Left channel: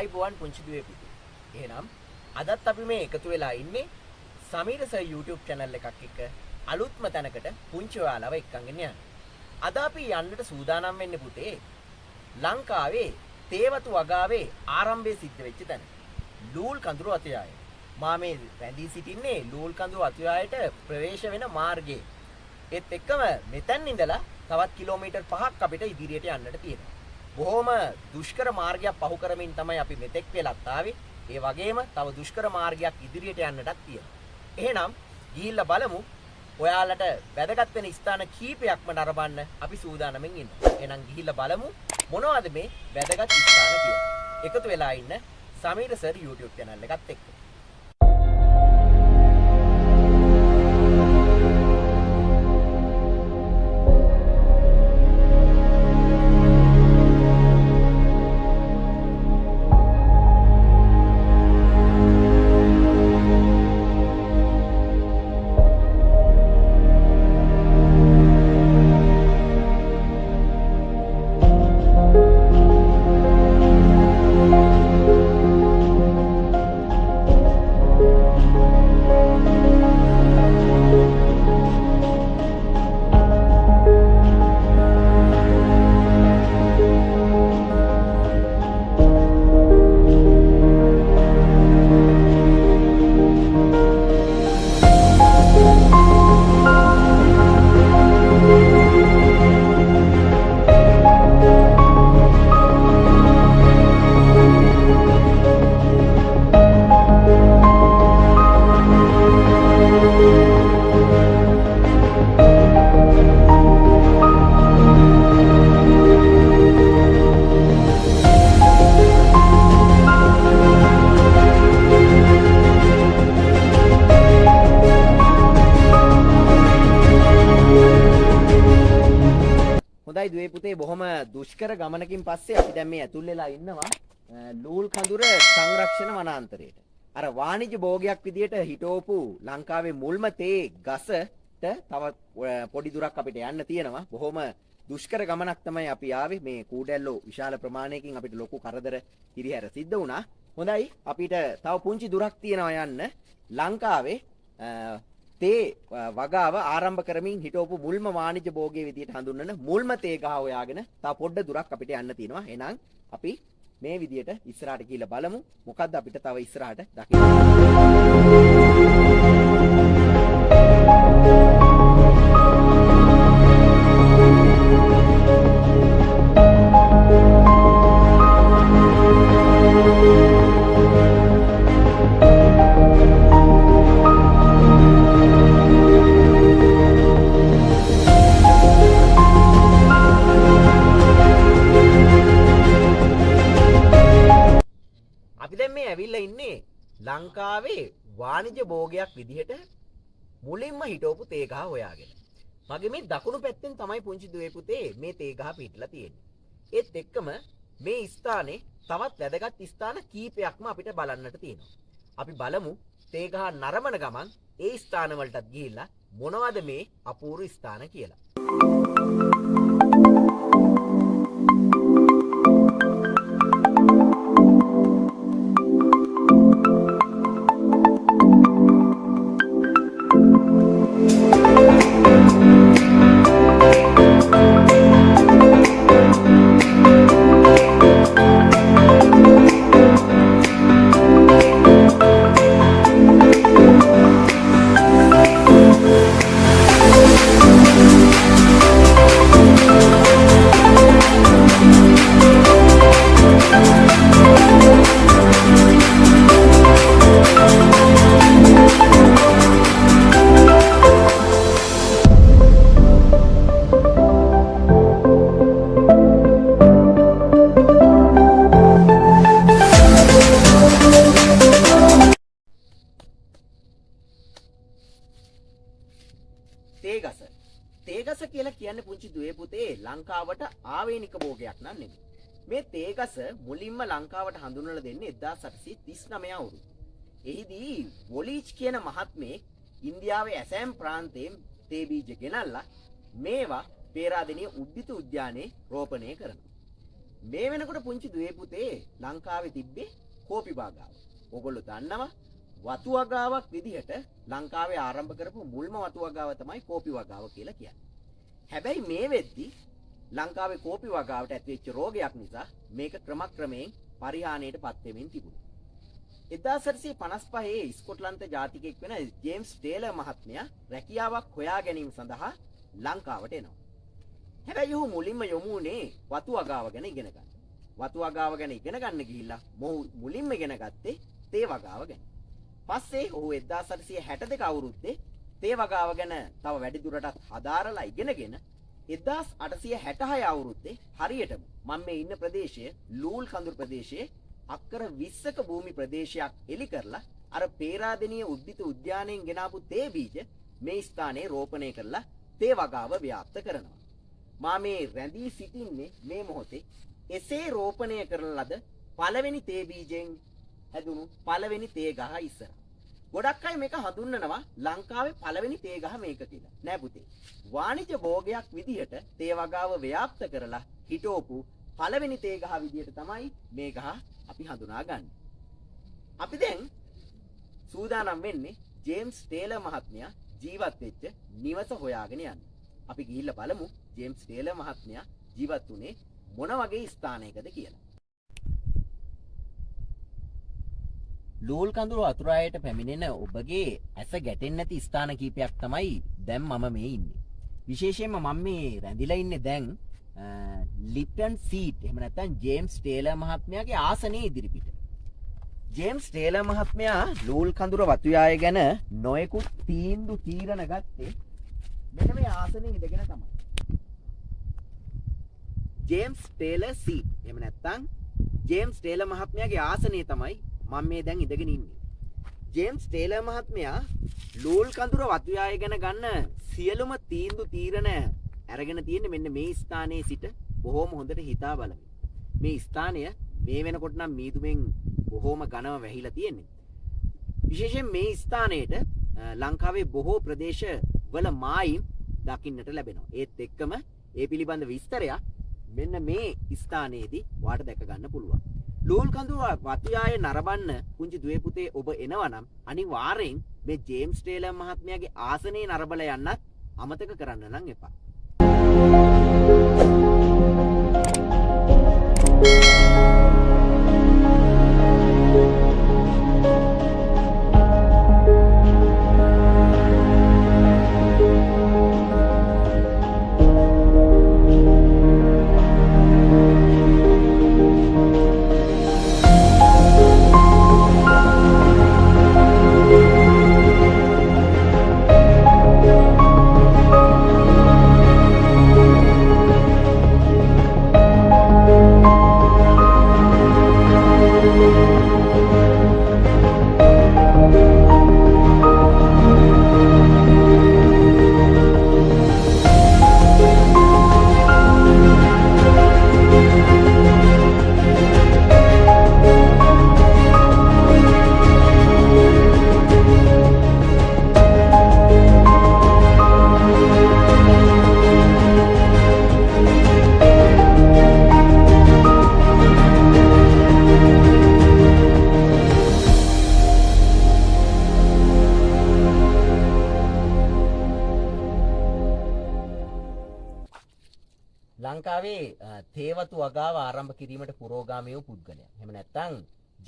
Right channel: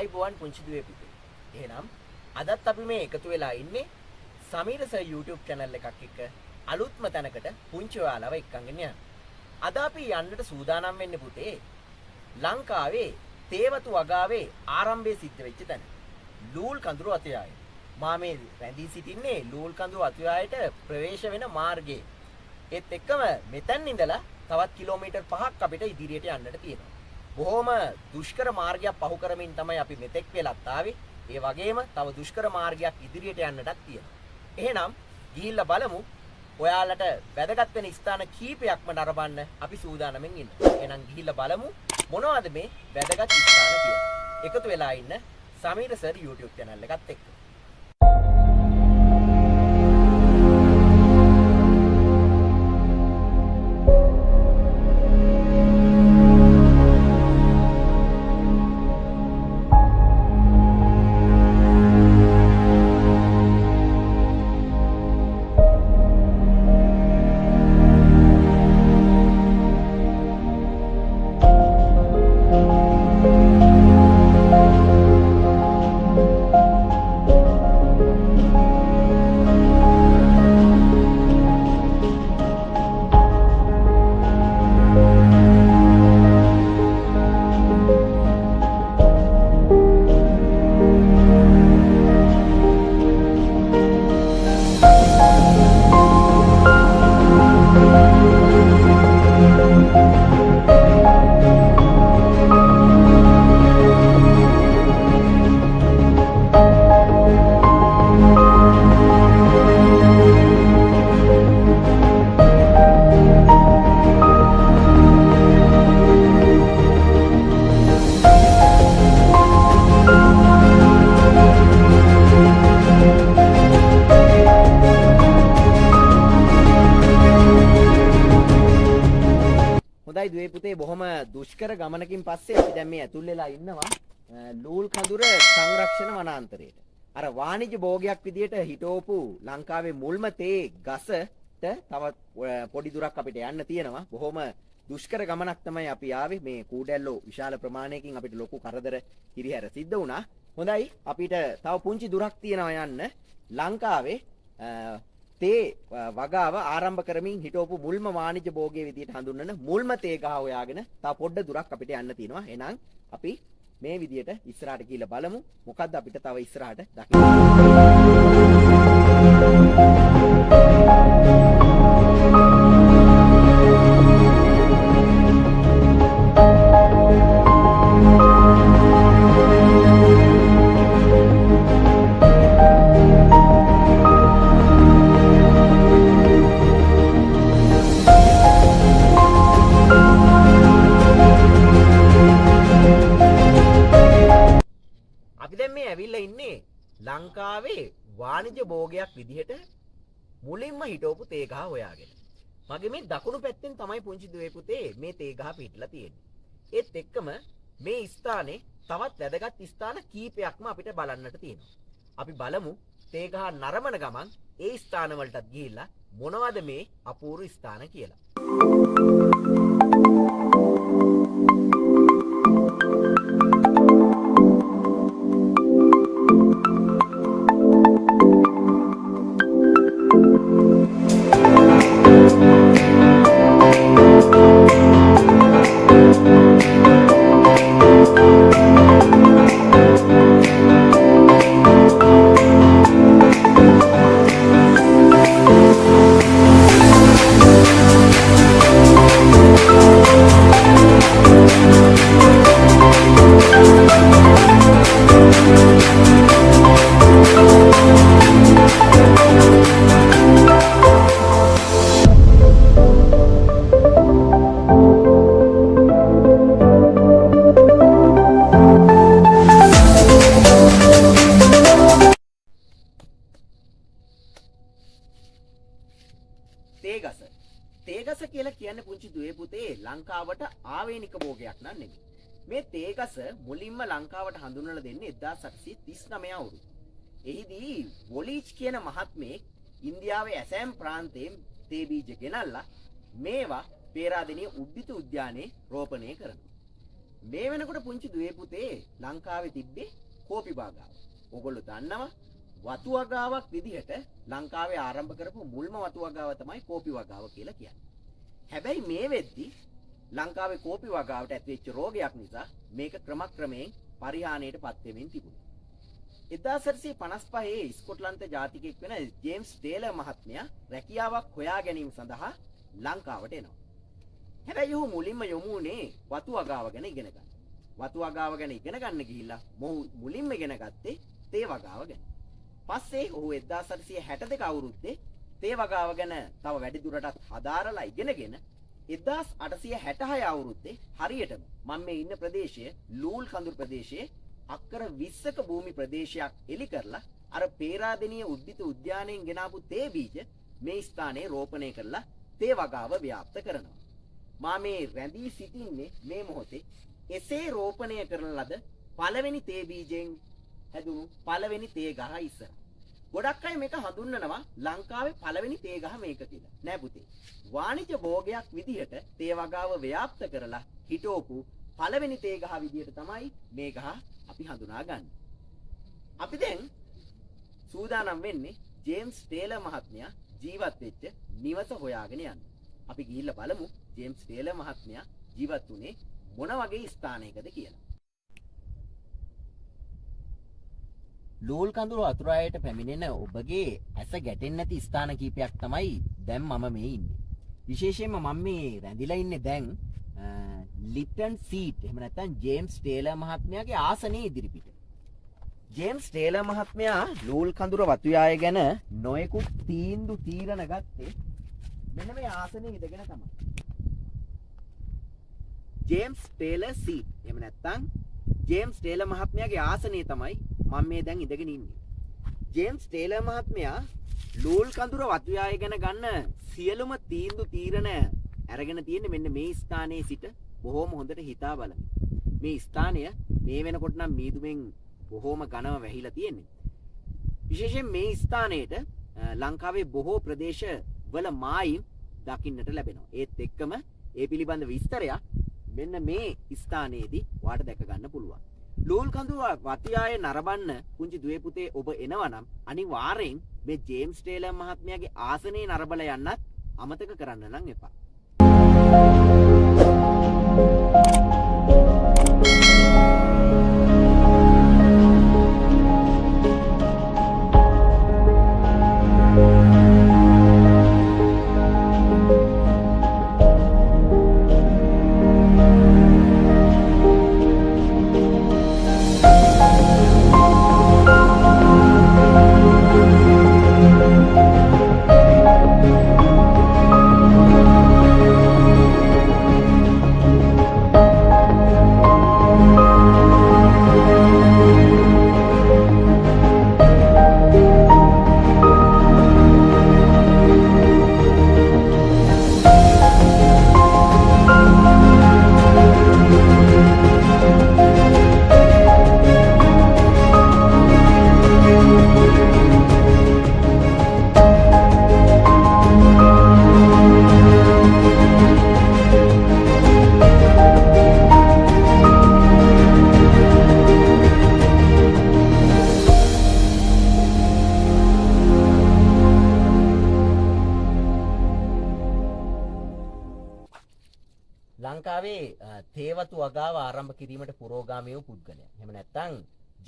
ආයිබෝවන් පුංචි දුවේ පුතේ. එහෙනම් අදත් අපි මේ එකතු වෙලා ඉන්නේ සමීර සර් YouTube channel එකක් එක්ක අලුත්ම තැනකට පුංචි ඔයාලව එක්කගෙන යන්න. අද අපි යන්නට සූදානම් වෙන්නේ පුතේ ලංකාවේ තේවතු වගාවේ ආරම්භයේ සිද්ධ වෙච්ච තැන. ලූල් කඳුරු අතයාය. මා මේ රැඳී සිටින්නේ ලූල් කඳුරු අතයායට ප්‍රවේශ වෙන මාර්ගයේ. ඒත් එක්කම මෙතෙන් ඉඳලා තවත් කිලෝමීටර් 5ක් අපිට ඉදිරියට යන්නට තියෙනවා. බොහොම දුෂ්කර මාර්ගයක් පහු කරමින් තමයි අපි මෙතෙක් වෙලත් ආවේ. ඒ වගේම තව දුෂ්කර මාර්ගයක් ඉදිරියට යන්නටත් තියෙනවා. එහෙනම් ගිහිල්ලා බලමු. ඔයාලට වැදගත් වෙන ස්ථාන කීපයක්ම නරඹන්න අපි සූදානම්ෙන් ඉන්නවා. එහෙනම් ගිහිල්ලා බලමු මොනවද මේ වැදගත් ස්ථාන කියලා. එකතු වෙලා ඉන්න සමීර සර් YouTube channel එකත් එක්ක. හොඳයි දුවේ පුතේ බොහොම දුෂ්කර ගමනකින් පස්සේ අපි දැන් මේ ඇතුල් වෙලා ඉන්නවා ලූල් කඳුර සංරක්ෂණ වනාන්තරයට. අර වාණිජ්‍ය භෝගයක් විදියට හිටවපු ලංකාවේ මුල්ම තේ ගසට තව පොඩි දුරක් අපිට යන්න තියෙනවා. බොහොම දුෂ්කර ගමනක් තමයි අපි ආවේ. මේ කූඩැල්ලෝ විශාල ප්‍රමාණයකින් අපිට ලොකු කරදර හිරිහැර සිද්ධ වුණා. හොඳයි අපිට තව පුංචි දුරක් තියෙනවා යන්න. ලංකාවේ තේ වගාව ආරම්භ කරමින් හිටවපු මුල්ම වාණිජ්‍ය භෝගයේ විදියට හඳුන්වන මුල්ම තේ ගහ හොයාගෙන තව පොඩ්ඩ දුරක් අපිට යන්න තියෙනවා. එහෙනම් අපි මේ විදියට ඉස්සරහට ගිහිල්ලා බලමු මොකද්ද අපිට තව ඉස්සරහට දකින්න. ඇවිල්ලා ඉන්නේ ලංකාවේ වාණිජ්‍ය භෝගයක් විදිහට මුලින්ම හිටවපු තේ ගහ හොයාගෙන. මගේ මේ දකුණු පැත්තෙන් තමයි පුංචි දුවේ පුතේ මේ තේ ගහ පිටලා තියෙන්නේ. ඒත් එක්කම මේ ස්ථානේ තවත් වැදගත් ස්ථාන කීපයක්ම අපිට බලන්නට තියෙනවා. අපි බලමු තේ ගහ නරඹන ගමන් ඒ ස්ථාන වලටත් ගිහිල්ලා මොනවද මේ අපූර්ව ස්ථාන කියලා. තේගස කියලා කියන්නේ පුංචි දුවේ පුතේ ලංකාවට ආවේනික භෝගයක් නන් නෙමෙයි. මේ තේගස මුලින්ම ලංකාවට හඳුන්වලා දෙන්නේ 1839 අවුරුද්ද. එහිදී වොලීච් කියන මහත්මයෙක් ඉන්දියාවේ ඇසෑම් ප්‍රාන්තයෙන් තේ බීජ ගෙනල්ලා මේවා පේරාදෙණිය උද්භිත උද්‍යානයේ රෝපණය කරනවා. මේ වෙනකොට පුංචි දුවේ පුතේ ලංකාවේ තිබ්බේ කෝපි වගාව. ඕගොල්ලෝ දන්නවා වතු වගාවක් විදිහට ලංකාවේ ආරම්භ කරපු මුල්ම වතු වගාව තමයි කෝපි වගාව කියලා කියන්නේ. හැබැයි මේ වෙද්දි ලංකාවේ කෝපි වගාවට ඇතිවෙච්ච රෝගයක් නිසා මේක ක්‍රමක්‍රමයෙන් පරිහානියටපත් වෙමින් තිබුණා. 1855 ස්කොට්ලන්ත ජාතිකයෙක් වෙන ජේම්ස් ටේලර් මහත්මයා රැකියාවක් හොයා ගැනීම සඳහා ලංකාවට එනවා. හැබැයි ඔහු මුලින්ම යොමු වුණේ වතු වගාව ගැන ඉගෙන ගන්න. වතු වගාව ගැන ඉගෙන ගන්න ගිහිල්ලා මොහු මුලින්ම ඉගෙන ගත්තේ තේ වගාව ගැන. පස්සේ ඔහු 1862 අවුරුද්දේ තේ වගාව ගැන තව වැඩි දුරටත් හදාරලා ඉගෙනගෙන 1866 අවුරුද්දේ හරියටම මම මේ ඉන්න ප්‍රදේශය ලූල් කඳුරු ප්‍රදේශයේ අක්කර 20ක භූමි ප්‍රදේශයක් එලි කරලා අර පේරාදෙණිය උද්දිත උද්‍යානයෙන් ගෙනාපු තේ බීජ මේ ස්ථානයේ රෝපණය කරලා තේ වගාව ව්‍යාප්ත කරනවා. මා මේ රැඳී සිටින්නේ මේ මොහොතේ එසේ රෝපණය කරන ලද පළවෙනි තේ බීජෙන් හැදුණු පළවෙනි තේ ගහ ඉස්සර. ගොඩක් අය මේක හඳුන්වනවා ලංකාවේ පළවෙනි තේ ගහ මේක කියලා. නෑ පුතේ. වාණිජ භෝගයක් විදිහට තේ වගාව ව්‍යාප්ත කරලා හිටෝපු පළවෙනි තේ ගහ විදිහට තමයි මේ ගහ අපි හඳුනාගන්නේ. අපි දැන් සූදානම් වෙන්නේ ජේම්ස් ටේලර් මහත්මයා ජීවත් වෙච්ච නිවස හොයාගෙන යන්න. අපි ගිහිල්ලා බලමු ජේම්ස් ටේලර් මහත්මයා ජීවත් වුණේ මොන වගේ ස්ථානයකද කියලා. ලූල් කඳුරු අතුරායට පැමිණෙන ඔබගේ ඇස ගැටෙන්නේ නැති ස්ථාන කීපයක් තමයි දැන් මම මේ ඉන්නේ. විශේෂයෙන්ම මම මේ රැඳිලා ඉන්නේ දැන් ලිප්ටන් සීට් එහෙම නැත්නම් ජේම්ස් ටේලර් මහත්මයාගේ ආසනයේ ඉදිරිපිට. ජේම්ස් ටේලර් මහත්මයා ලූල් කඳුර වතුයාය ගැන නොයෙකුත් තීරණ ගත්තේ මෙන්න මේ ආසනයේ ඉඳගෙන තමයි. ජේම්ස් ටේලර් සීට් එහෙම නැත්නම් ජේම්ස් ටේලර් මහත්මයාගේ ආසනයේ තමයි මම මේ දැන් ඉඳගෙන ඉන්නේ. ජේම්ස් ටේලර් මහත්මයා ලූල් කඳුර වතුයාය ගැන ගන්න සියලුම තීරණ අරගෙන තියෙන්නේ මෙන්න මේ ස්ථානයේ සිට බොහොම හොඳට හිතා බලමින්. මේ ස්ථානය මේ වෙනකොට නම් මීදුමෙන් බොහොම ඝනව වැහිලා තියෙන්නේ. විශේෂයෙන් මේ ස්ථානයේට ලංකාවේ බොහෝ ප්‍රදේශ වල මායිම් දකින්නට ලැබෙනවා. ඒත් එක්කම ඒ පිළිබඳ විස්තරයක් මෙන්න මේ ස්ථානයේදී වාට දැක ගන්න පුළුවන්. ලූල් කඳුර වතුයාය නරඹන්න පුංචි දුවේ පුතේ ඔබ එනවා නම් අනිවාර්යෙන් මේ ජේම්ස් ටේලර් මහත්මයාගේ ආසනයේ නරඹලා යන්නත් අමතක කරන්න නම් එපා. ලංකාවේ තේවතු වගාව ආරම්භ කිරීමට පුරෝගාමී වූ පුද්ගලයා. එහෙම නැත්නම්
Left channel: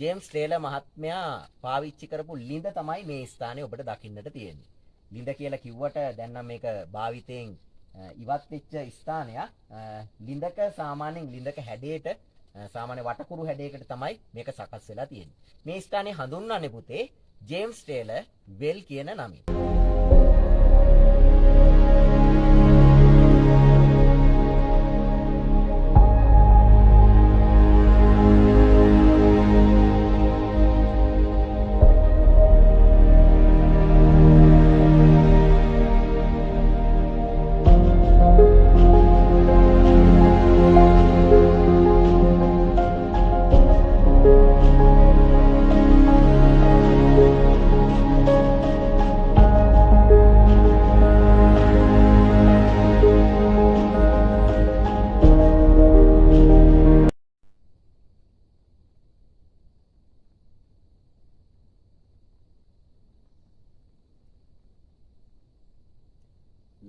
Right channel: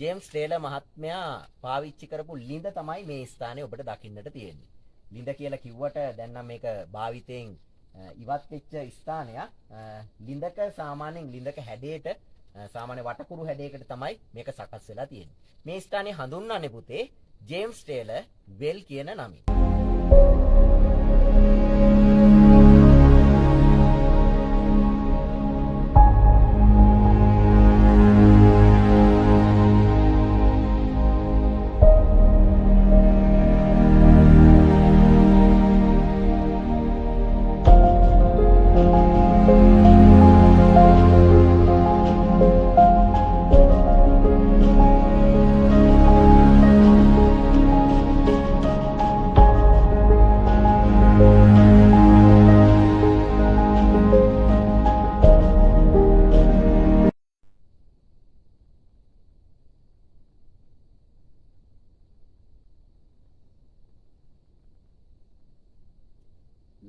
ජේම්ස් ටේලර් මහත්මයා පාවිච්චි කරපු ලිඳ තමයි මේ ස්ථානයේ ඔබට දකින්නට තියෙන්නේ. ලිඳ කියලා කිව්වට දැන් නම් මේක භාවිතයෙන් ඉවත් වෙච්ච ස්ථානයක්. ලිඳක සාමාන්‍යයෙන් ලිඳක හැඩයට සාමාන්‍ය වටකුරු හැඩයකට තමයි මේක සකස් වෙලා තියෙන්නේ. මේ ස්ථානයේ හඳුන්වන්නේ පුතේ ජේම්ස් ටේලර් වෙල් කියන නමින්.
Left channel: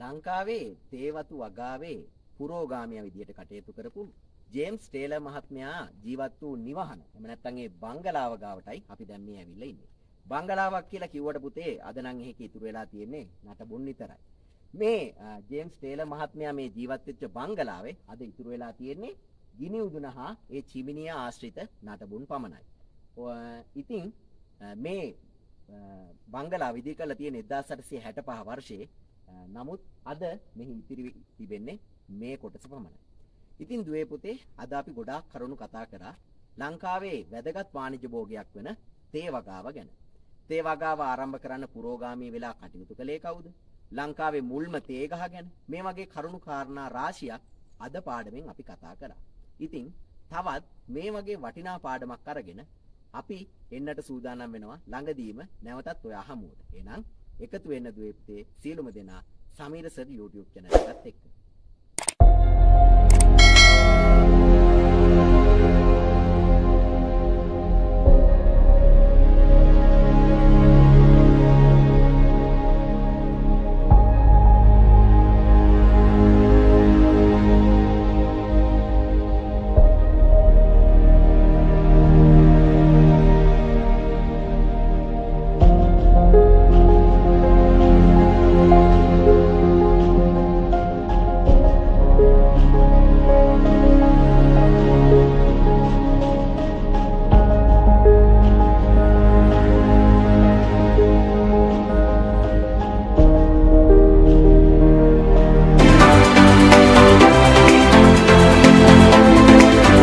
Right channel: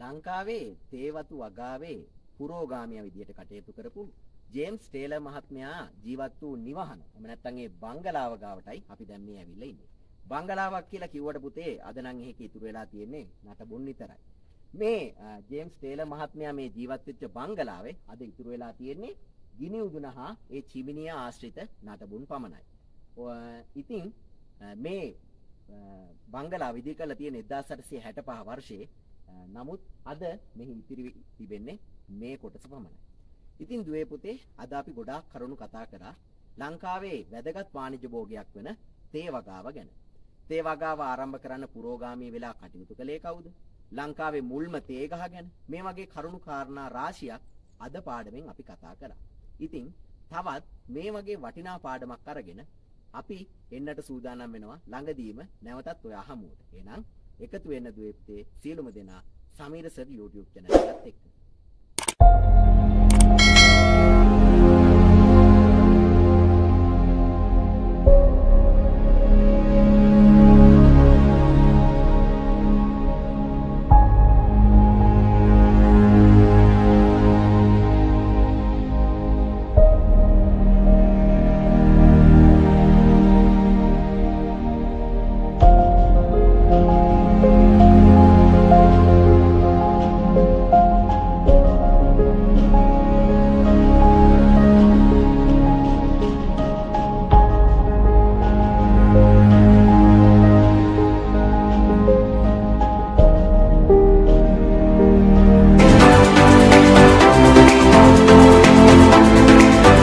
ලංකාවේ තේවතු වගාවේ පුරෝගාමියා විදියට කටයුතු කරපු ජේම්ස් ටේලර් මහත්මයා ජීවත් වූ නිවහන. එහෙම නැත්නම් ඒ බංගලාව ගාවටයි අපි දැන් මේ ඇවිල්ලා ඉන්නේ. බංගලාවක් කියලා කිව්වට පුතේ අද නම් එහෙක ඉතුරු වෙලා තියෙන්නේ නටබුන් විතරයි. මේ ජේම්ස් ටේලර් මහත්මයා මේ ජීවත් වෙච්ච බංගලාවේ අද ඉතුරු වෙලා තියෙන්නේ ගිනි උදුන හා ඒ චිමිනිය ආශ්‍රිත නටබුන් පමණයි. ඉතින් මේ බංගලාව ඉදි කරලා තියෙන 1865 වර්ෂයේ නමුත් අද මෙහි ඉතිරි තිබෙන්නේ මේ කොටස පමණයි. ඉතින් දුවේ පුතේ අද අපි ගොඩාක් කරුණු කතා කරා ලංකාවේ වැදගත් වාණිජ්‍ය භෝගයක් වෙන තේ වගාව ගැන. තේ වගාව ආරම්භ කරන්න පුරෝගාමී වෙලා කටයුතු කළේ කවුද? ලංකාවේ මුල්ම තේ ගහ ගැන මේ වගේ කරුණු කාරණා රාශියක් අද පාඩමෙන් අපි කතා කරා. ඉතින් තවත් මේ වගේ වටිනා පාඩමක් අරගෙන අපි එන්නට සූදානම් වෙනවා ළඟදීම නැවතත් ඔය අහමුවට. එහෙනම් එකතු වෙන්න දුවේ පුතේ සියලුම දෙනා සමීර සර් YouTube channel එකත් එක්ක.